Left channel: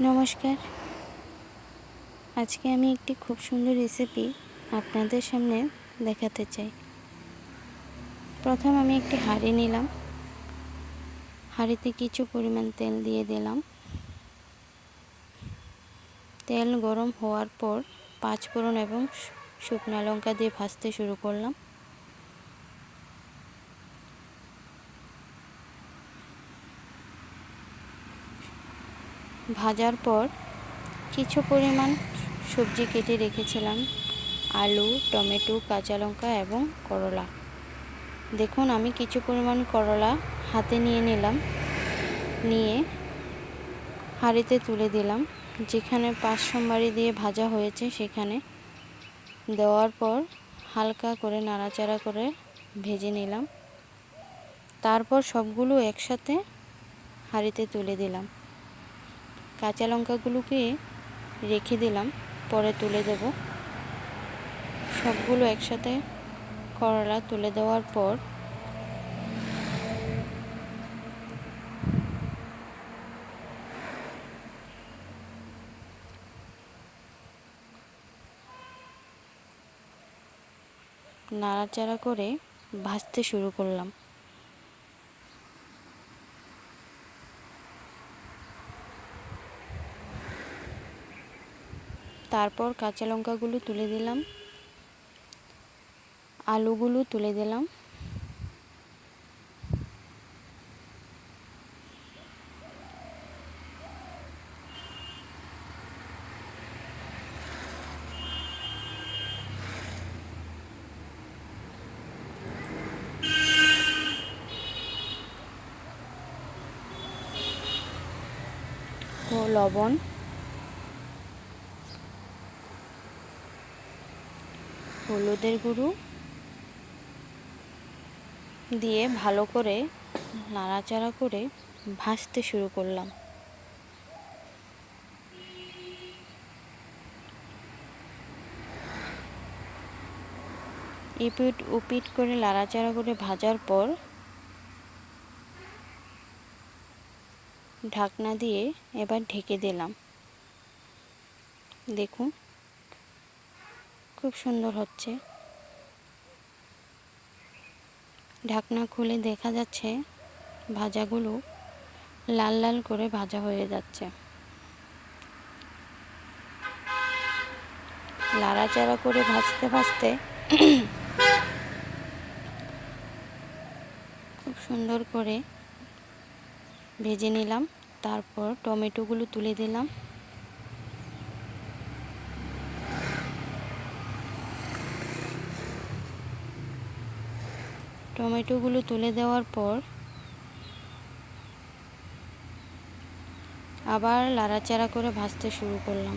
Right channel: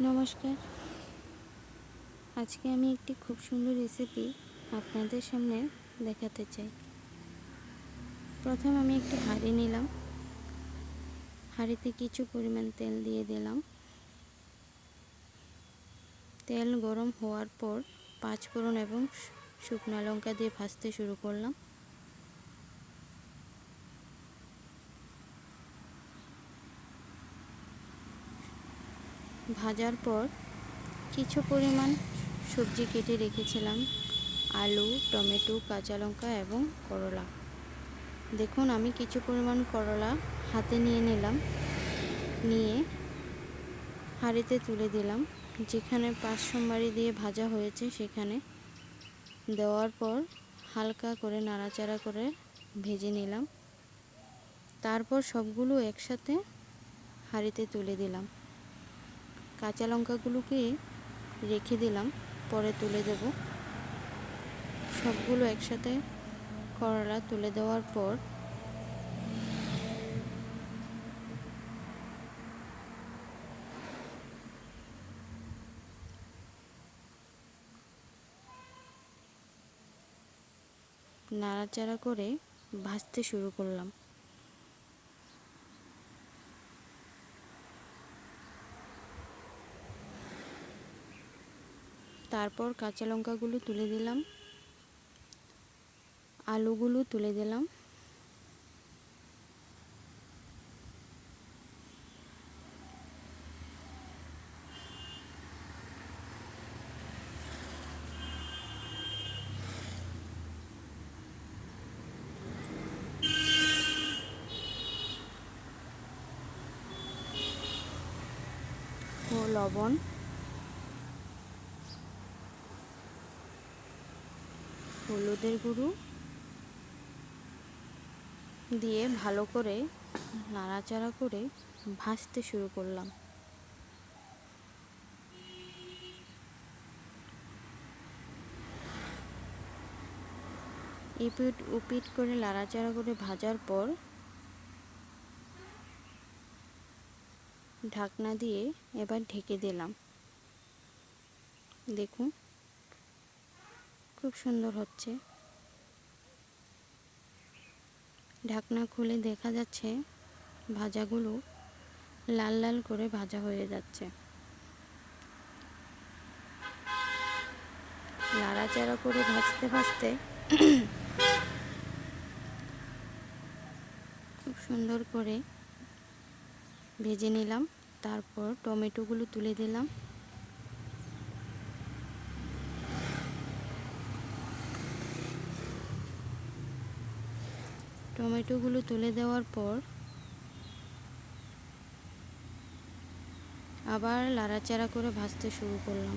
নমস্কার। আজকে আমি একটি খুব সুন্দর রেসিপি আপনাদের সামনে দেখাতে চাই। প্রথম আমি একটি হাঁড়ি নিলাম। হাঁড়িতে কিছু পরিমাণ তেল দিয়ে দিলাম। তেল গরম হওয়ার পর 5 ফোড়ন এবং শুকনো লঙ্কা দিয়ে ভাজতে শুরু করলাম। ভাজার পর কিছু পরিমাণ সবজি কেটে রেখেছিলাম, আলু, টমেটো, কাঁচা লঙ্কা এবং করলা। দেখুন, আমি কিছু পরিমাণ করলা হাতে নিয়ে নিলাম, নিয়ে হাঁড়িতে তুলে দিলাম। যেখানে 5 সোমবারি দিয়ে ভাজা হয়েছে সেখানে দেওয়ার পর হালকা করে নাড়াচাড়া করে ভেজে নিলাম। তারপর সবগুলো একসাথে হাঁড়িতে তুলে দিলাম। কাঁচা লঙ্কাগুলোকে রেখে দিলাম, পরে তুলে দেব। সবগুলো একসাথে করলা তুলে দেওয়ার পর নাড়াচাড়া করে ভাজতে শুরু করলাম। তারপর কাঁচা লঙ্কাগুলো তুলে দিলাম, আলুগুলো তুলে দিলাম, ও লবণ, হলুদের গুঁড়ো দিয়ে ভালো করে নাড়াচাড়া করে ভাজতে শুরু করলাম। এপিট ওপিট করে নাড়াচাড়া করে ভাজার পর ঢাকনা দিয়ে এবার ঢেকে দিলাম। দেখুন, খুব সুন্দর হচ্ছে। ঢাকনা খুলে দেখা যাচ্ছে ভাজাগুলো লাল লাল করে ভাজা হয়ে যাচ্ছে। নাড়াচাড়া করে ভাজতে ভাজতে খুব সুন্দর করে ভেজে নিলাম। তারপর টমেটোগুলো তুলে দিলাম। টমেটোগুলো তুলে দেওয়ার পর আবার নাড়াচাড়া করে ভাজতে শুরু করলাম।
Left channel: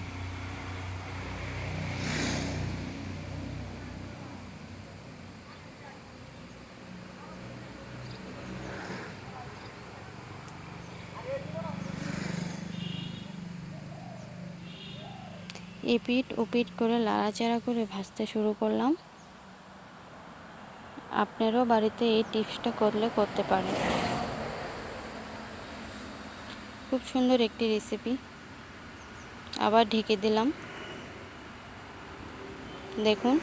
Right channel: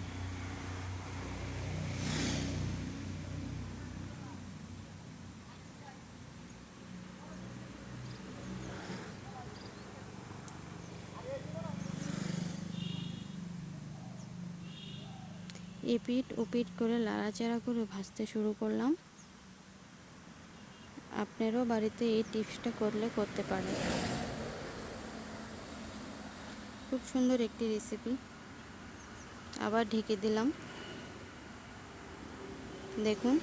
এপিট ওপিট করে নাড়াচাড়া করে ভাজতে শুরু করলাম। আপনারাও বাড়িতে এই টিপসটা করতে পারেন। খুব সুন্দর একটি রেসিপি। আবার ঢেকে দিলাম। দেখুন,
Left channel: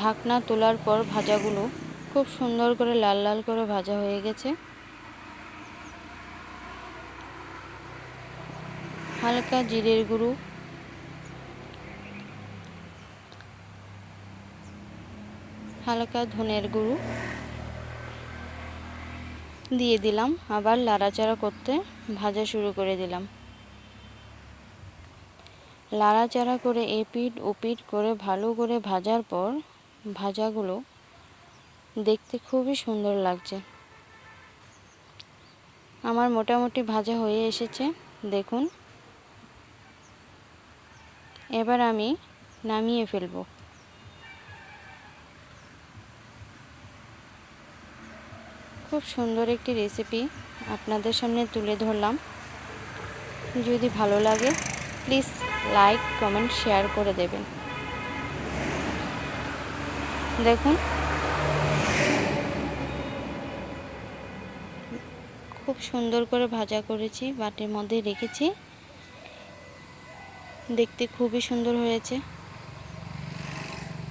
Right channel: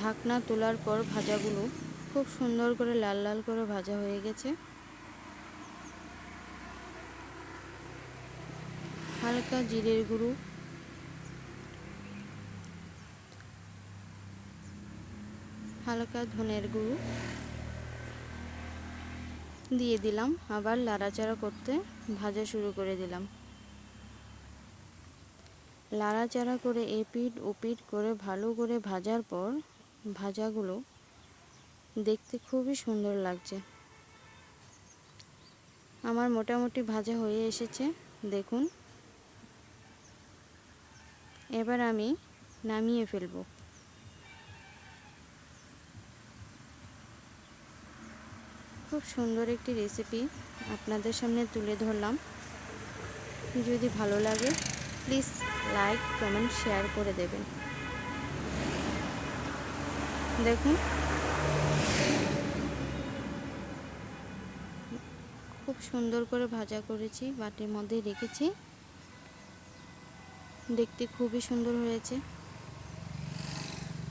ঢাকনা তোলার পর ভাজাগুলো খুব সুন্দর করে লাল লাল করে ভাজা হয়ে গেছে। হালকা জিরের গুঁড়ো, হালকা ধনের গুঁড়ো দিয়ে দিলাম। আবার নাড়াচাড়া করতে ভাজা শুরু করে দিলাম। নাড়াচাড়া করে এপিট ওপিট করে ভালো করে ভাজার পর ভাজাগুলো দেখতে খুবই সুন্দর লাগছে। আমার মোটামুটি ভাজা হয়ে এসেছে। দেখুন, এবার আমি নামিয়ে ফেলব। খুব সুন্দর একটি রেসিপি আপনাদের সামনে তুলে ধরলাম। যদি ভালো লাগে প্লিজ লাইক, কমেন্ট, শেয়ার করে দেবেন। দেখুন, খুব সুন্দর করে ভাজা করেছি, বাটির মধ্যে রেখেছি। দেখতে খুবই সুন্দর হয়েছে।